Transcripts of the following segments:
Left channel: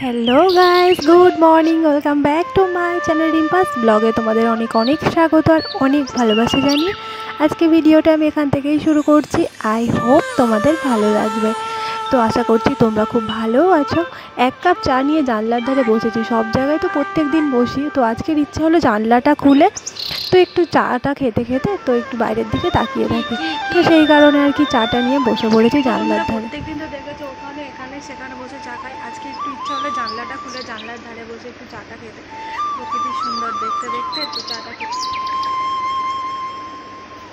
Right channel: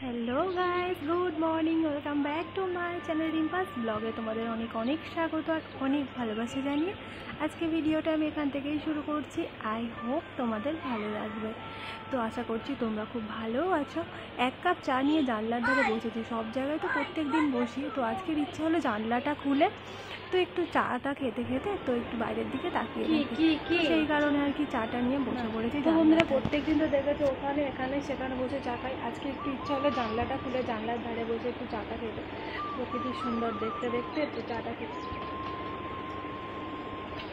Hello guys, good morning, welcome back to my channel Rimpa's ব্লগে তোমাদের অনেক অনেক স্বাগত আর অনেক ভালোবাসা জানিয়ে আজকে ভিডিওটা আমি এখান থেকেই শুরু করছি। আই হোপ তোমাদের ভালো লাগবে। তো আশা করছি তোমরা খুব ভালো আছো। এক কাপ চা নিয়ে জানলার ধারে বসেছি। সব জায়গায় তো প্রত্যেক দিন বসি, তো আজকের ইচ্ছা হলো জানলাটা খুলে তো একটু চাটা খেতে খেতে তো একটু বাইরের দিকে তাকিয়ে থাকি। তো সেই কারণে আর কি চাটা নিয়ে বসে পড়েছি জানলার ধারে। প্রত্যেকদিন তো দেখেছো ওখানে এখানে সেখানে বসে চা খাই, আজকে একটু ইচ্ছা হলো জানলাটা খুলে জানলার ধারে বসে একটু চাটা খেতে, প্রকৃতি সুন্দর দেখতে দেখতে তো চাটা খেতে।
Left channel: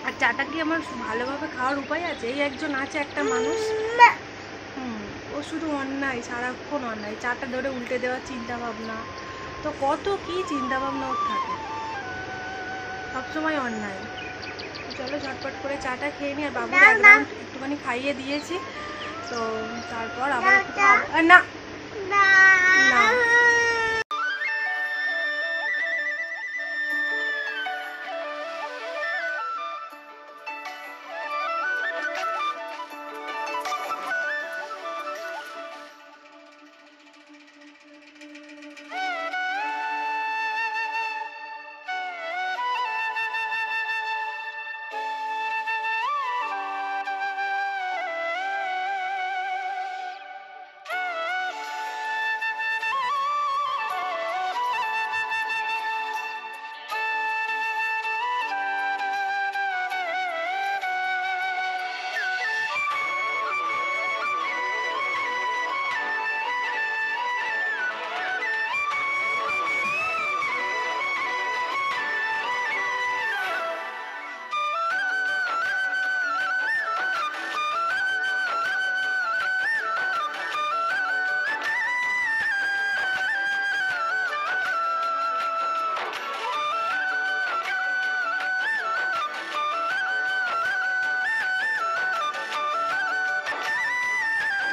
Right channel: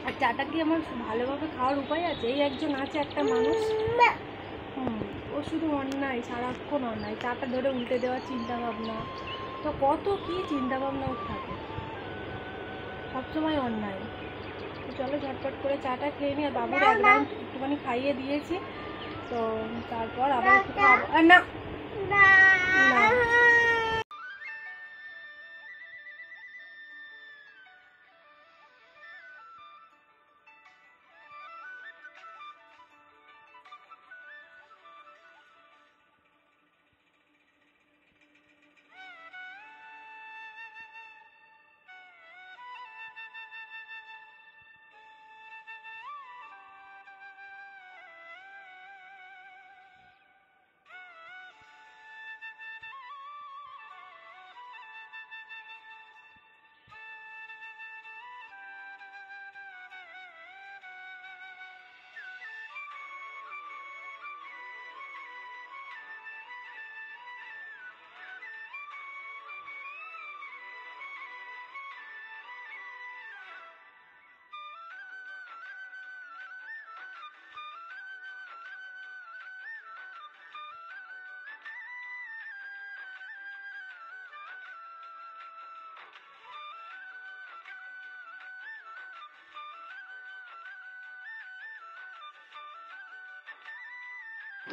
আর চাটা কি আমার ভালোভাবে খাওয়ার উপায় আছে? এই একজন আছে একটা মানুষ, ও শুধু অন্যায়, সারাক্ষণ অন্যায়, চাটা ধরে উল্টে দেওয়ার চিন্তা ভাবনা, তো কত কি চিন্তা ভাবনা ওর থাকে, সবসময় অন্যায়। চলো ঝটপট করে চাটা খেয়ে নি। আর বাবুর এক রাউন্ড একটুখানি খাইয়ে দিয়েছি, তো তারপর আবার একটু খাবো। না না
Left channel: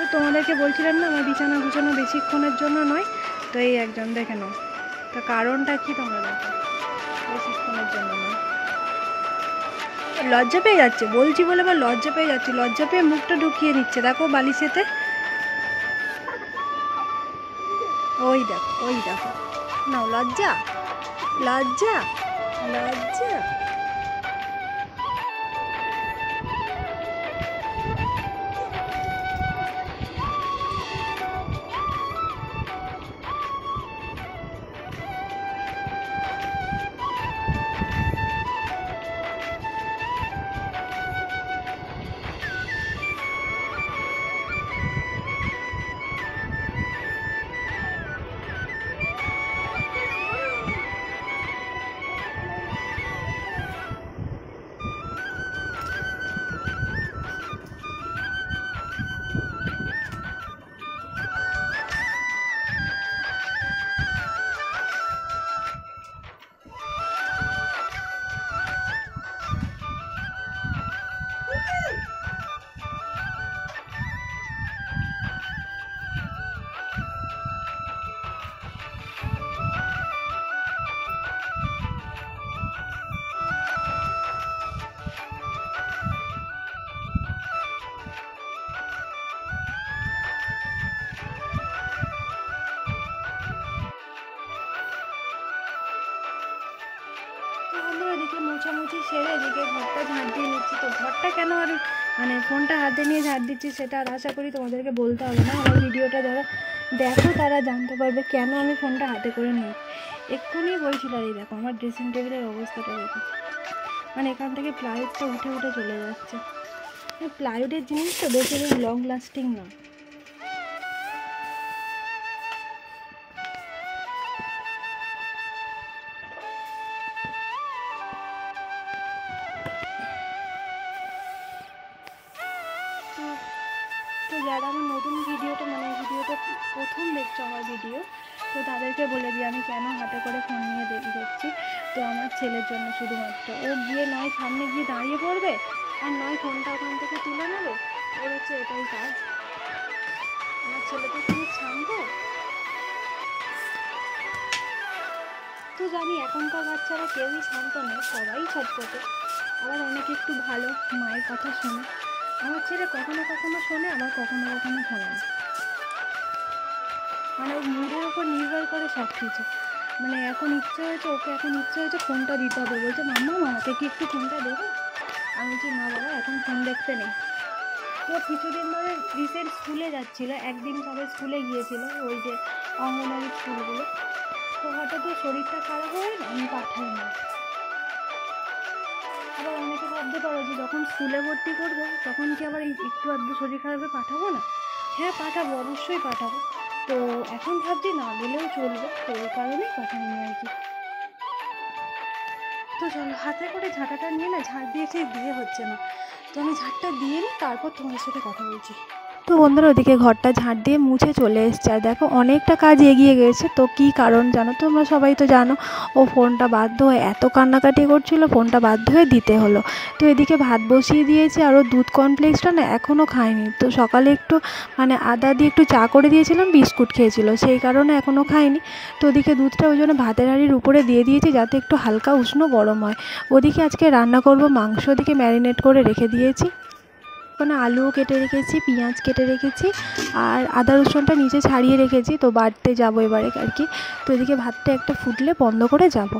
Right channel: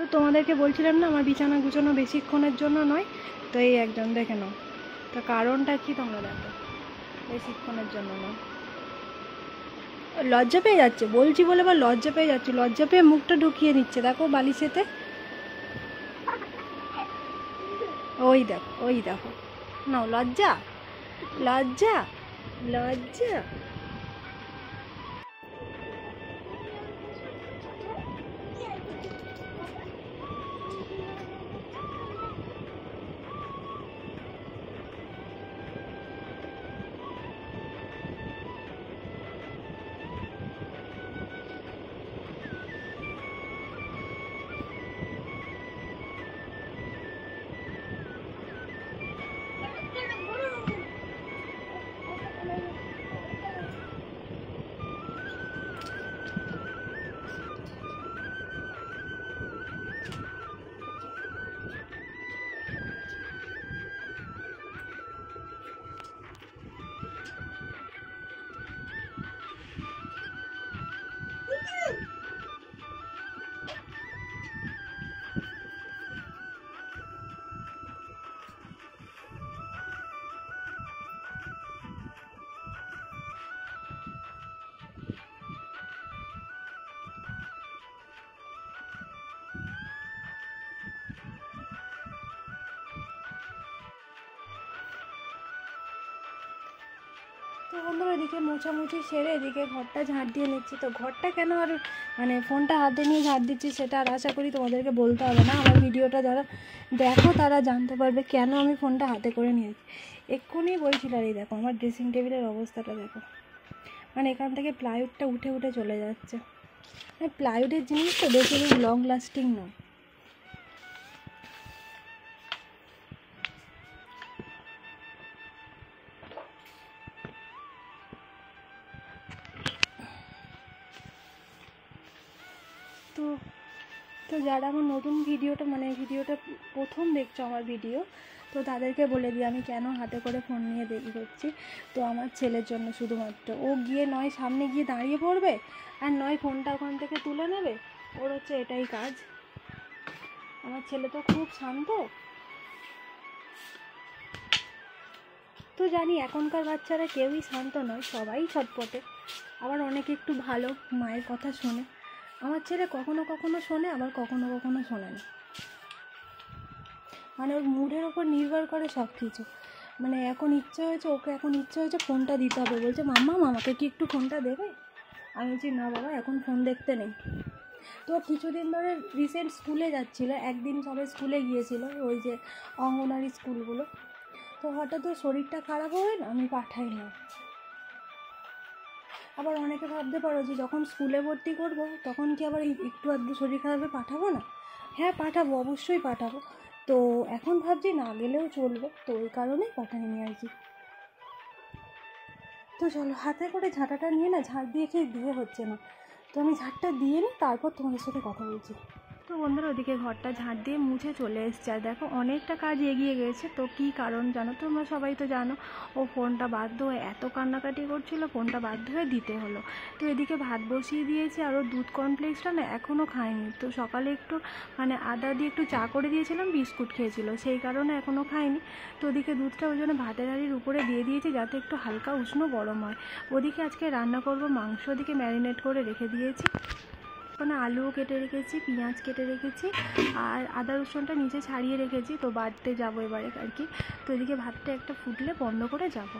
তো তোমাদেরকে বলছিলাম না আমার বিছানা গুছানো বেশিক্ষণের জন্য নয়, তো এই একজন দেখে নাও, তো কারণটা কি তোমরা দেখো, বেশিক্ষণের জন্য নয়। লজ্জা পেয়ে যাচ্ছে বলছি বলে, আবার লজ্জা পেয়ে যাচ্ছে, লজ্জা পেয়ে মুখটা ঢুকিয়ে নিচ্ছে, দেখো বালিশেতে, ওই দেখো ওই দেখো, নাও লজ্জা লজ্জা লজ্জা। তো বন্ধুরা এদিকে মোছামুছি সেরে এদিকে ঘরটা ঝাঁট দিয়ে নিচ্ছি। তো ঘরটা কেন আর মানে ফোনটা হাতে নিয়ে ঝাঁট দিচ্ছি সেটা আর আশা করি তোমাদেরকে বলতে হবে না, আমার ভিডিওটা যারা দেখো তারা জানতে পারবে কেন আমি ফোনটা হাতে করে নিই। এক্ষুনি বলছিল, আর এই দেখো আমার ড্রেসিং টেবিলের অবস্থাটা দেখো, মানে এখান থেকে প্লাইউডটা উঠে উঠে চলে যাচ্ছে। প্লাইউডের জিনিস তো বেশি লং লাস্টিং না। তো যারা আমার নতুন ভিডিওটা ভিডিওটা প্রথম দেখছো আমার ভিডিও, তো তাদেরকে বলে দিই আমি কেন হাতে করে ফোন নিয়ে দেখছি। তো আমার ছেলের জন্য শুধুমাত্র, ও গিয়ে নয় সামনে গিয়ে দাঁড়িয়ে পড়বে আর নয় ফোনটা ওখান থেকে তুলে নেবে, ওর হচ্ছে এটাই কাজ। আমার ছেলে তো খুব শান্ত, তো জানি এখনকার বাচ্চারা কেউই শান্ত নয়, সবাই ছটপটে, আবার অনেকে একটু ভালো মায়ের কথা শোনে। আমার ছেলে কখনো কখনো শোনে, আবার কখনো কখনো শোনে না, মানে ওর মুডের ওপর নির্ভর করে সব কিছু। মানে এখন ইচ্ছে হয়েছে, ওকে এখন ইচ্ছে হয়েছে ফোনটা দিতে হবে, বলছে মাম্মা আমাকে কি একটু ফোনটা দেবে। আমি বলছি না বাবা, এখন ফোন দেখতে নেই। তো কিছুদিন ধরে রিসেন্ট স্কুলে যাচ্ছিলো, একদিন সবে স্কুলে গিয়েছিলো, ওই যে অঙ্গনওয়াড়ি স্কুলগুলো। তো হঠাৎ ওর শরীরটা খারাপ হয়ে না, আমি পাঠাই না। আবার অনেকে ভাবতে পারো যে যখন স্কুলে ভর্তি করবো তখন কি আবার এই একটু আধটু শরীর খারাপে পাঠাবো না? হ্যাঁ পাঠাবো, অবশ্যই পাঠাবো। তো এখন ভাবছি না গেলেও চলবে, তো ওই কারণেই পাঠাইনি আর কি। তো চলো, হাতে করে ঝাঁটাটা নিয়ে না, ঝাঁট দিয়ে ঠিক দিয়ে হচ্ছে না, তো আমি ঝাঁটটা দিয়ে নিই, তারপর তোমাদের সাথে কথা বলছি। তো বন্ধুরা ওদিকে ঘরটা ঝাঁট দিয়ে মুছে চলে এসছে, আর দেখো অনেকটা কাজ এগিয়ে গেছে। তো কী কারণ জানো, তোমরা সবাই তো জানো, ও ফোনটা বাধ্য হয়ে এত কান্নাকাটি করছিল, ফোনটা বাধ্য হয়ে দিতে হলো। তো এদিকে ভাত বসিয়ে দিয়েছি, আর ও দুধ কর্নফ্লেক্সটা না এখনও খায়নি। তো সকালে একটু মানে আদা দিয়ে একটু চা করে দিয়েছিলাম, বিস্কুট খেয়েছিল, সেই কারণে এখনও খায়নি। তো ওদিকে দুধটা ওই জন্য ভাতের হাঁড়ির উপরে দিয়ে দিয়েছি, যাতে একটু হালকা উষ্ণ গরম হয়। ওদিকে আজকে রান্না করব মাংস, ওদিকে ম্যারিনেট করে রেখে দিয়েছি। ওখানে আলুও কেটে রেখেছি, পেঁয়াজ কেটে রেখেছি, আর আদা রসুনটা নিচে ছাড়িয়ে রেখেছি। তো বাড়তে যাবো এবারে আর কি। তো এদিকে ভাতটা একটা ফুটলে বন্ধ করে যাব।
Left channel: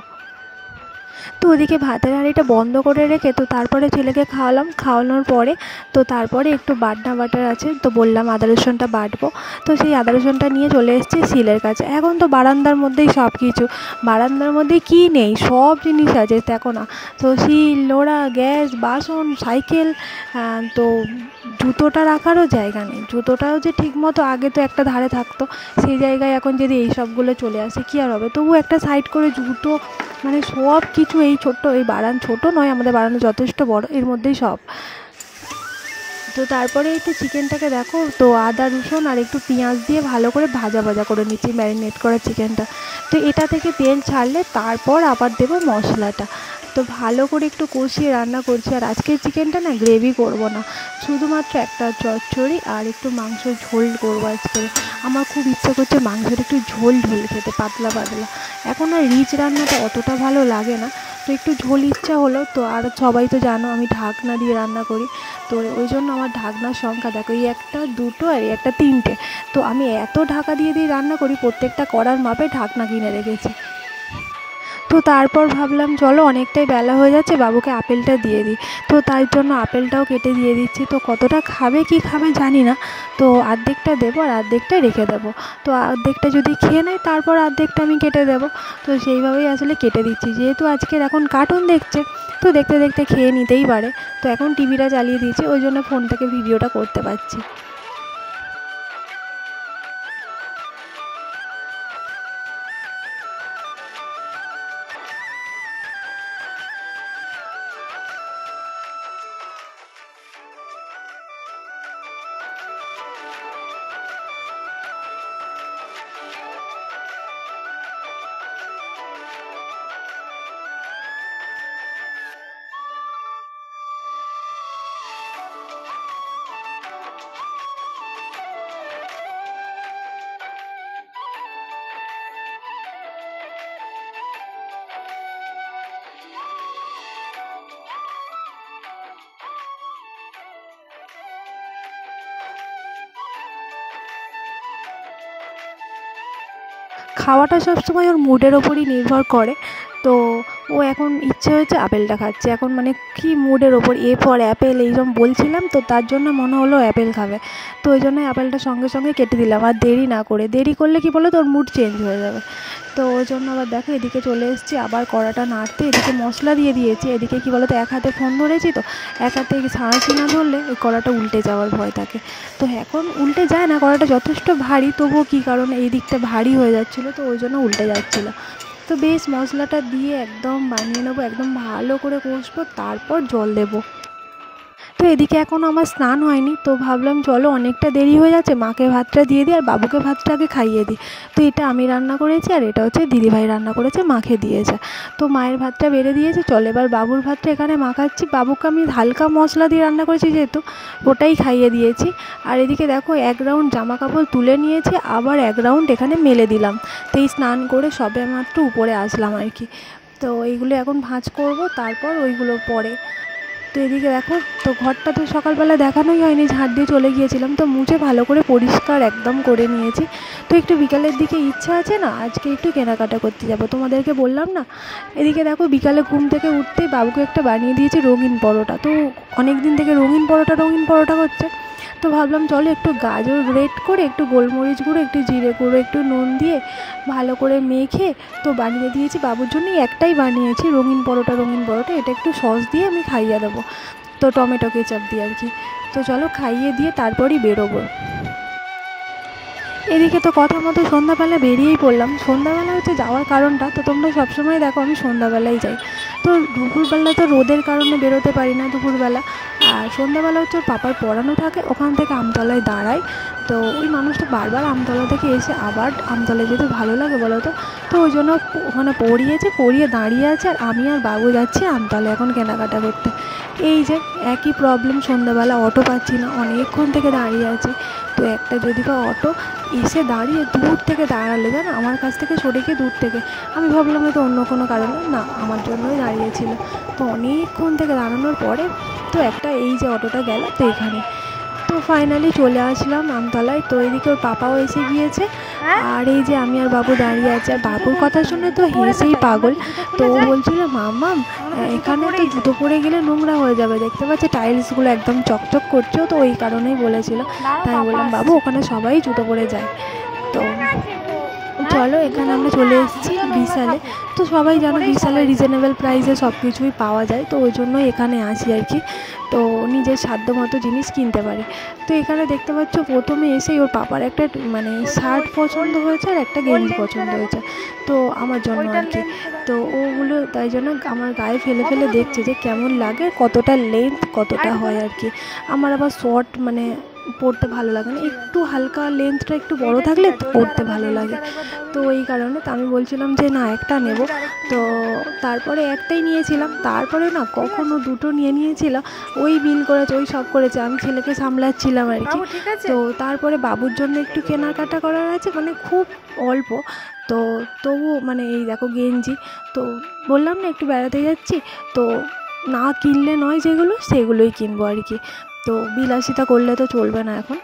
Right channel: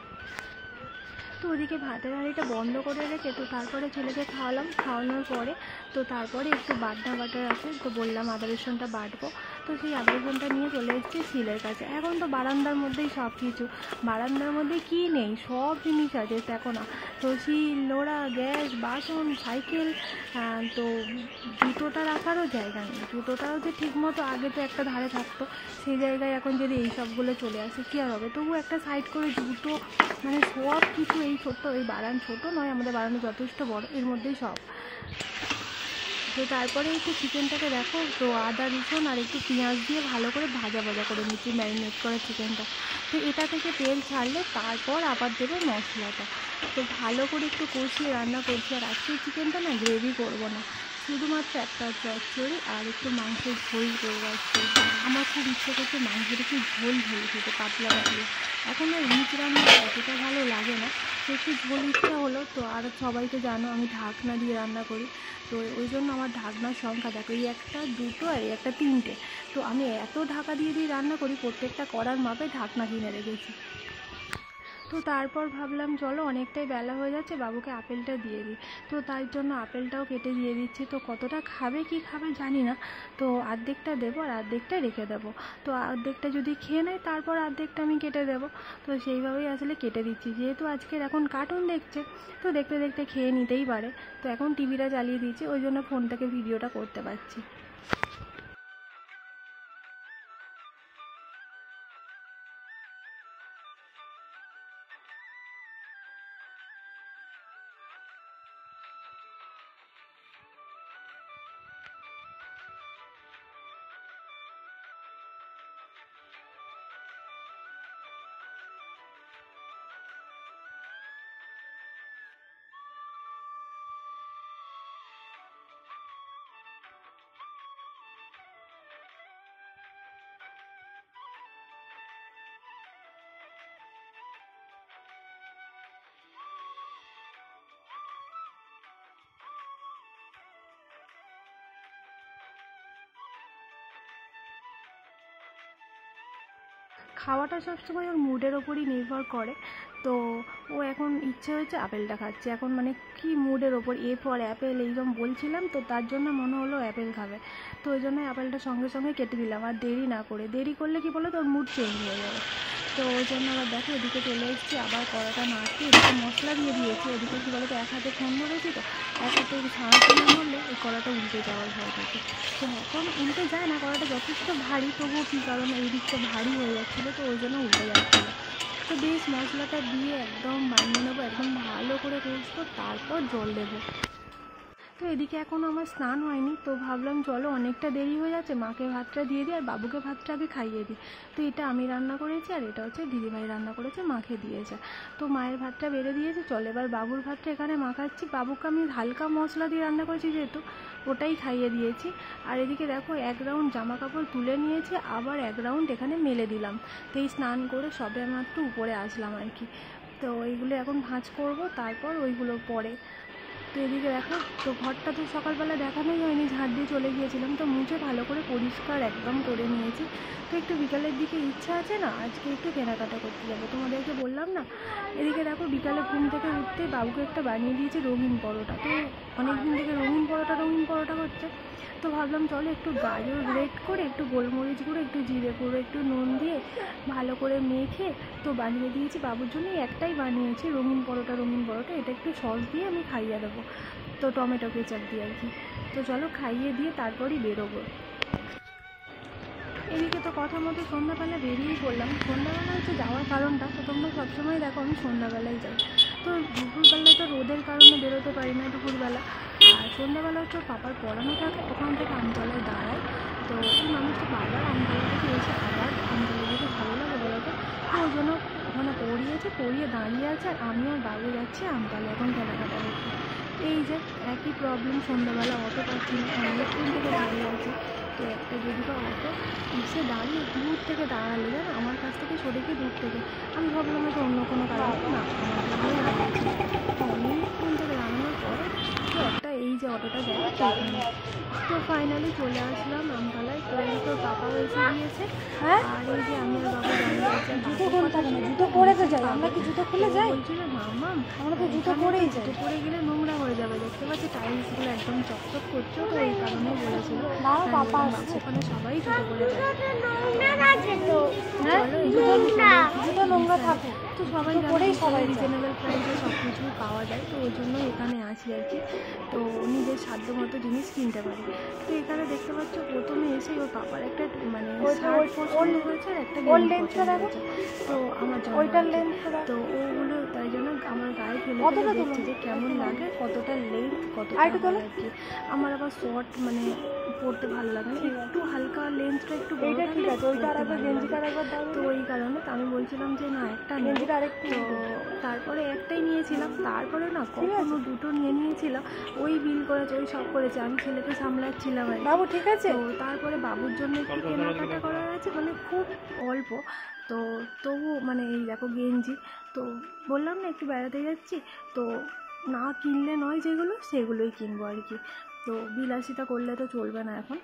তো ওদিকে ভাতের হাঁড়িটা বন্ধ করে রেখে তো তারপরে ছেলেকে খাওয়ালাম, খাওয়ানোর পরে তো তারপরে একটু বাটনা বাটার আছে, তো বললাম আদা রসুনটা বাটবো। তো সেই আদা রসুনটা নিয়ে চলে এসেছি সিলের কাছে। এখন তো বারান্দার মধ্যেই সব কিছু, বারান্দার মধ্যে কী নেই, সব জিনিস আছে দেখো না। তো শিল নোড়া, গ্যাস, বাসন, সাইকেল, তো জুতোটা রাখারও জায়গা নেই। জুতোটাও যে ঠিক মতো আগে তো একটা ধারে থাকতো, সেই জায়গায় এখন যদি এই সবগুলো চলে আসে কী আর হবে। তবু একটা সাইড করে জুতো, মানে সব কিছু এই ছোট্ট এই বারান, ছোটো নয় আমাদের বারান্দা যথেষ্ট বড়, এর মধ্যেই সব। তো তারপরে একটু চিকেনটাকে দেখো, তো আদা রসুন আর একটু পেঁয়াজ দিয়ে ভালো করে ভাজা ভাজা করে নিচ্ছি ম্যারিনেট করা চিকেনটা। তো এটা থেকে তেল ছাড়লে তারপর আবার দেবো মশলাটা। তো ভালো করে একটু কষিয়ে রান্না করছি। আর আজকের চিকেনটা না গ্রেভি করব না, শুধুমাত্র একটা চচ্চড়ি আর একটু মাংসের ঝোল করবো আজকে। আমার খুব ইচ্ছে করছে মাংসের একটু ঝোল ঝোল খেতে, পাতলা পাতলা। এখন আর রিচ রান্নাটা অতটা ভালো লাগে না, তো একটু ঝোল ইচ্ছা হলো। তো আর সবাই তো জানো আমি ঢাকনা দিয়ে রান্না করি, তো ওই জন্য আমার ঢাকনার সংখ্যা দেখো, এই একটা, দুটো আর এই একটা, তিনটে। তো আমি এত ঢাকা দিয়ে দিয়ে রান্না করি, প্রত্যেকটা কড়ার মাপে ঢাকনা কিনে রেখেছি। তো তারপর ভাবলাম চলো অনেকটাই বেলা হয়ে যাচ্ছে, বাবুকে আপেলটা দিয়ে দিই। তো তাই জন্য আপেলটাও কেটে দিয়ে দিচ্ছি। তো কতটা খাবে কি খাবে জানি না, তো অর্ধেকটা দেবো আর অর্ধেকটা রেখে দেবো। তো অর্ধেকটা যদি খেয়ে নেয় তারপর অর্ধেকটা আমি কেটে দেবো। তো সেইভাবেই আসলে কেটে দিচ্ছি, যেহেতু আজকের এখন কার্টুন দেখছে, তো দেখতে দেখতে খেয়ে নিতেই পারে। তো এখন টিভিটা চালিয়ে দিয়েছি, ওই জন্য ফোন থেকে ভিডিওটা করতে পারছি। খাওয়াটা সবসময় ওর মুডের ওপরই নির্ভর করে। তো ও এখন ইচ্ছে হয়েছে আপেলটা খাচ্ছে, এখন মানে কি মুডের ওপর, এ ফর অ্যাপেল এইরকম বলছিলাম, তো তার জন্য মনে হলো অ্যাপেল খাবে। তো ওই জন্যই আপেলটা সঙ্গে সঙ্গে কেটে দিলাম, আর দেরি না করে, দেরি করলে কি বলো তো ওর মুড চেঞ্জ হয়ে যাবে। তো ওই জন্য আবার দেখো এদিকে চলে এসেছি, আবার কড়াটা নাড়তে, এদিকে মশলা দিয়ে দিয়েছি, এদিকে কী বলো তো এক হাতে ফোন ধরেছি, তো এক হাতে ছাড়াছি না ধরলে এই কড়াটা উল্টে যাওয়ার ভয় থাকে। তো এখন উল্টে যায় না, কড়াটা যথেষ্ট ভারী, তবুও কী কারণে এই দিকটা ভারী হয়ে যাচ্ছিলো, তো ওই জন্য উল্টে যাচ্ছিলো। তো বেশ মশলাটা দিয়ে একদম বানিয়ে নেবো, একদম ভালো করে কষবো, তারপর জল দেবো। তো এদিকে এখনও আমার স্নান হয়নি, তো ভাবলাম চলো অনেকটা দেরি হয়ে যাচ্ছে, মাকে ভাতটা দিয়ে দিই আর বাবুকে ভাতটা আগে খাইয়ে দিই। তো এটা আমি রান্না করেছি, আর এটা হচ্ছে দিদিভাই রান্না করেছে, মাকে দিয়েছে। তো মায়ের ভাতটা বেড়ে দিয়েছে, চলো এবার বাবুর ভাতটা এখানে মাখাচ্ছি। বাবুকে আমি হালকা মশলা দিয়ে রান্না করেছি যেহেতু, ওটাই খাইয়ে দিয়েছি। আর এদিকে দেখো এক রাউন্ড জামা কাপড় তুলে নিয়েছি, আবার এক রাউন্ড এখানে মেলে দিলাম। তো এই স্নান করে সবে মাত্র উপরে আসলাম আর কি। তো এইগুলো এখন ভাঁজ করব, তারপর ওইগুলো পরে। তো এদিকে দেখো, তো ঘরটা তো সকালবেলা দেখানোই হয়নি, ঝাঁট দিয়ে চলে গিয়েছিলাম, তো মুছে ভালো করে পরিষ্কার একদম করে নিয়েছি। তো একটু বিকালের দিকে ইচ্ছা আছে না, আজকে একটু কেনাকাটা করতে যাব, তোমাদেরকে বললাম না। এদিকে দেখো, বিকালে ঘুম থেকে উঠতেই বাবুকে একটা বানিয়ে দিয়েছি রঙিন পরোটা। তো অনেক দিন থেকে রঙিন পরোটা করছে, তো ভাবলাম চলো একটু গাজর গ্রেট করে, একটু গোলমরিচ গুঁড়ো, একটু জিরে গুঁড়ো, একটু নুন দিয়ে ভালো করে মেখে তো বানিয়ে দিয়েছি বাবুর জন্যই। একটাই বানিয়েছি রঙিন পরোটা, এটা একটু সস দিয়ে আমি খাইয়ে দেবো, তো টমেটো কেচাপ দিয়ে আর কি। তো চলো খাইয়ে দিয়ে তারপরই বেরোবো। এদিকে তো কথা মতো সন্ধ্যাবেলা বেরিয়েই পড়লাম। সন্ধ্যাবেলা হচ্ছে যাওয়ার কারণটা, তো তোমরা সবসময় দেখো আমি সন্ধ্যাবেলায় যাই। তো দুপুরবেলা তো রোদের কারণে বেরোতে পারি না দুপুরবেলা, আর সন্ধ্যাবেলা হচ্ছে ওর পাপার পড়ানো থাকে, ওখান থেকে আমতলায় দাঁড়াই। তো ওই মানুষটা বারবার আমতলা থেকে এসে আবার আমতলায় যেতে ভালো লাগে বলো তো। তো ওই জন্য ওখানে পড়িয়ে দাঁড়িয়ে আছে, আর আমি আর বাবু যাচ্ছি আমতলায় এখন কেনাকাটা করতে। এই যে একই প্রবলেম, সন্ধ্যাবেলা অটো পাচ্ছি না, অনেকক্ষণ থেকে দাঁড়িয়ে আছি। তো একটা যদি বা অটো এসে দাঁড়িয়ে দূর থেকে দাঁড়ালো, জানো, আমার কাছ থেকে সরে গিয়ে দূর থেকে, আমি ভাবলাম হয়তো অন্য কোনো কারণে, না আমার জন্যই দাঁড়িয়েছিল। তো অনেকক্ষণ থেকে দাঁড়ানোর পরে তো একটা এই যে অটোটা গেল, তো এখানে তো ফাইনালি চলে আসলাম আমতলায়। তো এদিকে ওর পাপাও এসে গিয়েছে, আর এই যে আমি আর বাবু দাঁড়িয়ে আছে। আর বাবুর কথা শুনে তো হেসেই পাগল। তো ও বলছিল মাম্মাম এখানে তো জুতো পরে গেলে নোংরা হয়ে যাবে, দেখতে পাচ্ছি টাইলসগুলো একদম চকচক করছে, তো ওই কারণেই বলেছিল। তাই বললাম বাবু ওখানে সবাই জুতো পরে যায়। তো চলো এখানে আমরা চলে এসেছি বিশালে। তো সবাই জানো বিশালে রিজনেবল প্রাইসে সব কিছুই পাওয়া যায়, তো ওই জন্যই এখানে আসি আর কি। তো নিজের সাধ্য মতো জিনিস কিনতে পারি। তো এখানে দেখতে পাচ্ছ প্রথমে এসেই ওর পাপার একটা মানে শার্ট পছন্দ হয়েছে আর একটা গেঞ্জি পছন্দ হয়েছে, তো আমার জন্য আর কি। তো ওগুলো তাই জন্য আমার গায়ে ফেলে ফেলে দেখছে যে কেমন লাগে, কতটা লেন্থ কতটা হয় আর কি। আমার আবার শর্ট মানে পরতে ভালো লাগে না, একটু হালকা লেন্থটা একটু বড় থাকলে পরতে ভালো লাগে। তো এই কারণে তো আমি বলছিলাম যে না একটা নেব। তো তারপরে একটাই নিয়েছিলাম, তারপরে না কখনো দুটো নিয়েছিলাম। ওই বিল করেছে, ওই সব করেছে, আমি ছেলেকে সামলাচ্ছিলাম আর কি। তো তারপরে বাবুর জন্য একটু কেনাকাটা করার আছে, মানে খুব অল্প। তো তবু মানে এই দেখো গেঞ্জি, তো বললাম না একটু বেড়াতে যাচ্ছি, তো না কিনলে নয় যেগুলো সেগুলোই কিনবো আর কি। তো বিলাসিতা করলে তো চলবে না এখন।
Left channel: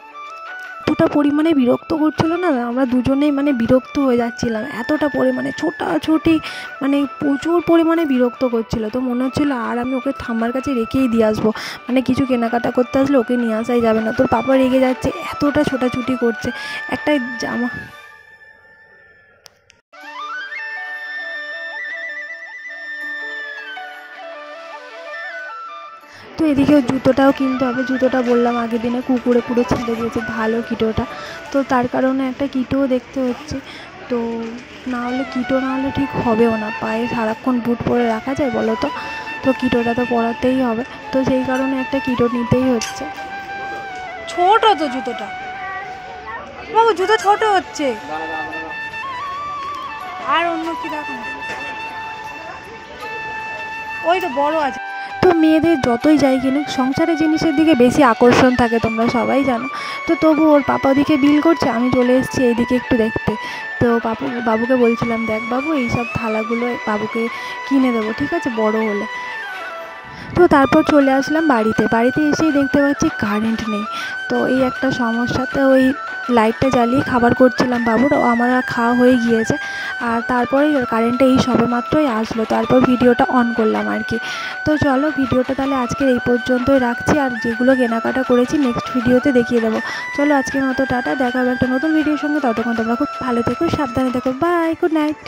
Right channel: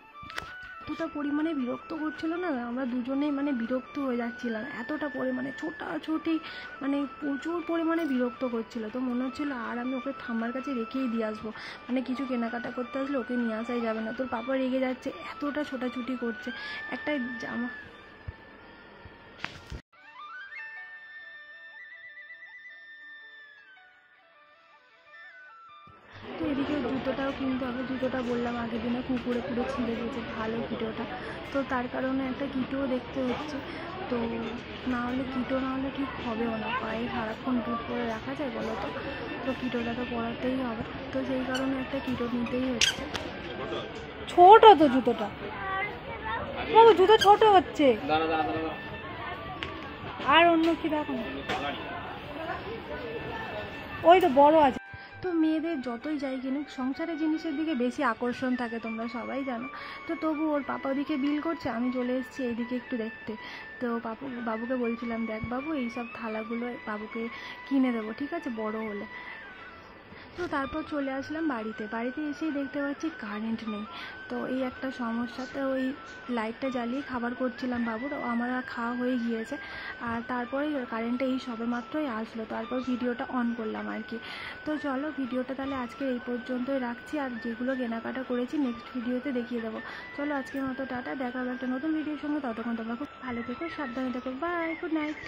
এতটা পরিমাণে বিরক্ত করছিল না, আমরা দুজনেই মানে বিরক্ত হয়ে যাচ্ছিলাম, এতটা পরিমাণে ছোটাছুটি, মানে প্রচুর পরিমাণে বিরক্ত করছিল। তো মনে হচ্ছিলো আর আমি ওকে ঠাম্মার কাছে রেখেই দিয়ে আসবো, মানে কিছু কেনাকাটা করতে আসলে ওকে নিয়ে আসাই যাবে না। তোর পাপা রেগে যাচ্ছে, এতটা ছোটাছুটি করছে একটা জামা। তো এদিকে জুতোটাও কিনতে হবে, জুতোটা বললাম আগের দিনে কুকুরে পুরো ছিঁড়ে দিয়েছে, ভালো কিটোটা, তো তার কারণে একটা কিটোও দেখতে হচ্ছে। তো না হলে কিটো না হলে ঠিক হবেও না, পায়ে সারাক্ষণ বুট পরে রাখা যায় বলো তো। তো কিটোটা তো পরাতেই হবে, তো সেই কারণে একটা কিটো নিতেই হচ্ছে। ছোট তো জুতোটা বাবু, জুতো ছোট হচ্ছে, আর অন্য কি দেখো, ওই তো বড় আছে। তো মেয়েদের যতই যাই কিনুক সংসারের জিনিসের দিকে বেশি আকর্ষণ থাকে, তোমরা সবাই জানো। তো তবু ওর পাপা ওদিকে বিল করছে, আমি চলে এসেছি এইদিকে একটু দেখতে। তো বাবুকে বলছিলাম দেখ বাবু এইসব থালাগুলো বাবুকে কিনে দেবো, ঠিক আছে, বড় হলে। তো তারপর চলে আসলাম বাড়িতে এসেই দেখতে পাচ্ছি কারেন্ট নেই। তো এই একটা সমস্যা, তো ওই লাইটটা জ্বালিয়ে খাবার করছিলাম বাবুর, আমার আর খাওয়া হয়ে গিয়েছে। আর তারপরে কারেন্টটা এই সবে মাত্রই আসলো, তারপর ভিডিওটা অন করলাম আর কি। তো চলো ভিডিওটা তাহলে আজকের এই পর্যন্তই রাখছি, আর যেগুলো কেনাকাটা করেছি নেক্সট ভিডিওতে দেখিয়ে দেবো। চলো আজকের মতো টাটা, দেখা হবে একটা নতুন ভিডিওর সঙ্গে, ততক্ষণ তোমরা খুব ভালো থেকো, সাবধানে থেকো, বাই, গুড নাইট।